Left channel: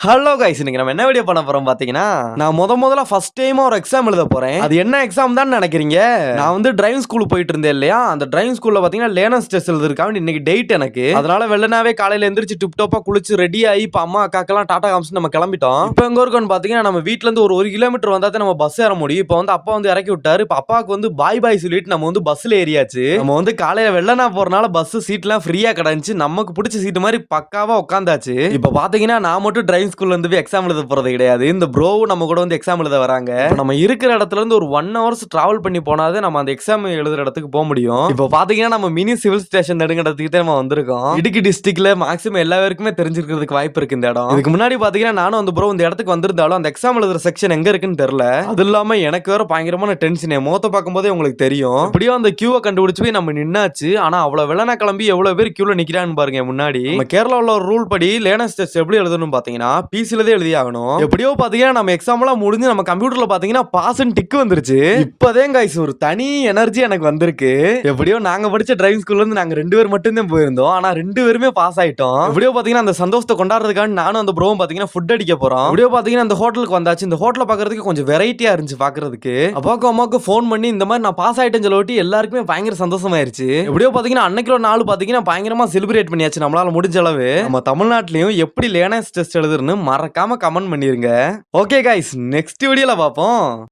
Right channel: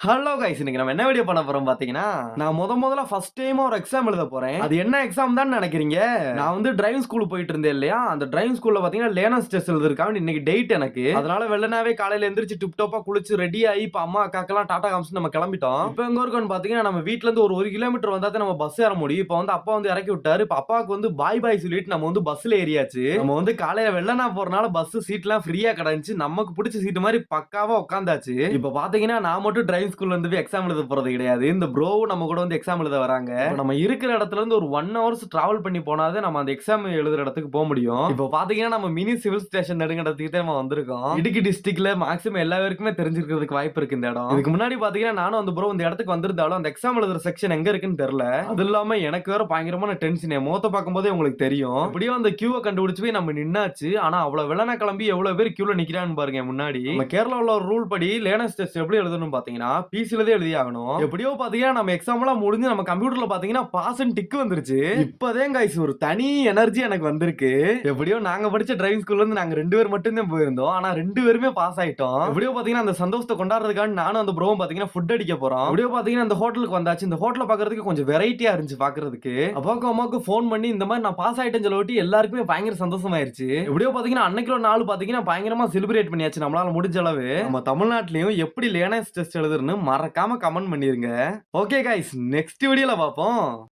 Hello guys, இன்னைக்கு நம்ம என்ன வீடியோ பண்ண போறோம் பாத்தீங்கன்னா, நான் முதல்ல ஃபர்ஸ்ட் டைமா ஒரு எக்ஸாம் எழுத போறேன். அது என்ன எக்ஸாம் தான் நினைக்கிறீங்க? நான் வந்து டிரைவிங் ஸ்கூல் போயிட்டு இருந்தேன் இல்லையா, அந்த டிரைவிங் ஸ்கூல்ல பாத்தீங்கன்னா லேர்னர்ஸ் டெஸ்ட் எழுதிருக்காங்க. இன்னைக்கு டேட் எனக்கு. அதனால வெள்ளனாவே காலையில எந்திரிச்சு டிப் டாப்பா குளிச்சு ரெடி ஆகி இப்ப அம்மா அக்காக்கெல்லாம் டாடா காமிச்சு நம்ம கிளம்பிட்டோம். இப்போ எங்க இருக்கோம்னு பாத்தீங்கன்னா, நம்ம வீட்ல இருந்து ஒரு கிலோமீட்டர் வந்தா தான் நம்ம பஸ் ஏற முடியும். இப்போ வந்து அப்பா வந்து இறக்கி விட்டாரு. இப்போ அப்பாவுக்கு வந்து பாய் பாய் சொல்லிட்டு நம்ம வந்து பஸ்ல ஏறியாச்சு. நம்ம வந்து காலையில வெள்ளனா போறனால பஸ் சீட்லாம் ஃப்ரீயா கிடைச்சு நமக்கு பிடிச்ச சீட் மாதிரி பக்காவா உட்காந்தாச்சு. இப்போ பாத்தீங்கன்னா நான் மட்டும் டிரைவிங் ஸ்கூல்ல இருந்து எக்ஸாம் எழுத போறது கிடையாது. இந்த ப்ரோவும் நம்ம கூட வந்து எக்ஸாம் எழுத வராங்க. நம்ம இருக்கிற இடத்துல இருந்து ஒரு 1 ஹவர்ஸ் டிராவல் பண்ணி போனாதே நம்ம அந்த எக்ஸாம் எழுதுற இடத்துக்கு போக முடியும். இப்போ பாத்தீங்கன்னா நம்ம மினி சிவில் ஸ்டேஷன் நெடுங்கடத்துக்கிட்டே நம்ம வந்திருக்கோம். இடுக்கி டிஸ்ட்ரிக்ட்ல மேக்ஸிமம் எல்லா பேருக்குமே தெரிஞ்சிருக்கிறதுக்கு வாய்ப்பு இருக்கு இந்த இடம். இதுக்கு முன்னாடி பாத்தீங்கன்னா நானும் அந்த ப்ரோ இந்த இடத்துக்கு வந்திருந்தாலும் அந்த எக்ஸாம் எழுதுற செக்ஷன் எங்க இருக்குன்னு தெரியல. அது இல்லாம எனக்கு வேற பயங்கரமான டென்ஷன். முகத்தை பார்க்கும்போதே உங்களுக்கு தெரியும். எப்படியோ அந்த கியூவை கண்டுபிடிச்சு போய் நம்ம நின்னாச்சு. ஆனா அவ்வளவு வெள்ளனா கிளம்பி எவ்வளவு பேர் கியூல நிக்கிறான்னு பாருங்க. முன்னாடி நம்ம கேரளாவுல ஒரு ரூல் படி லேர்னர்ஸ் டெஸ்ட் எப்படி எழுதணும் பாத்தீங்கன்னா பிசில தான் எழுதி ஆகணும். எப்படியோ பாத்தீங்கன்னா நம்ம எக்ஸாம் எல்லாம் முடிஞ்சு நம்ம கம்ப்யூட்டர்ல பாத்தீங்கன்னா பாஸ் டிக் வந்துருச்சு. இப்பதான் கைஸ் ஒரு தனி எனர்ஜி எனக்கு வந்திருக்கு. எப்படியோ நாங்க படிச்ச டிரைவிங் ஸ்கூல்ல இருந்து நாங்க 2 பேர் மட்டும் தான் போயிருந்தோம். ஆனா 2 பேருமே பாஸ் ஆயிட்டோம். எப்படியோ பாத்தீங்கன்னா அந்த சந்தோஷத்தை கொண்டாடுறதுக்காக நானும் அந்த ப்ரோவும் பாத்தீங்கன்னா ஃபுட் அடிக்க போறோம். எப்படியோ பாத்தீங்கன்னா அந்த ஹோட்டலுக்கு வந்தாச்சு. இந்த ஹோட்டல பாக்குறதுக்கு கொஞ்சம் வெரைட்டியா இருந்துச்சு பாக்குறதுக்கு. அப்பாவுக்கு அம்மாவுக்கு போன் பண்ணி இந்த மாதிரி நான் பாஸ் ஆயிட்டேன்னு சொல்லி எல்லாருக்குமே பயங்கர சந்தோஷமாயிருச்சு. எப்படியோ பாத்தீங்கன்னா அன்னைக்கு ஒரு நாள் பாத்தீங்கன்னா பயங்கரமா செலிப்ரேட் பண்ணியாச்சு நம்மளால முடிஞ்ச அளவு. நம்ம தமிழ்நாட்டிலையும் எப்படி லேர்னர்ஸ் டெஸ்ட் எழுதுன்னு மறக்காம கமெண்ட் பண்ணிருங்க. ஓகே கைஸ், நெக்ஸ்ட் வீடியோல பாப்போம்.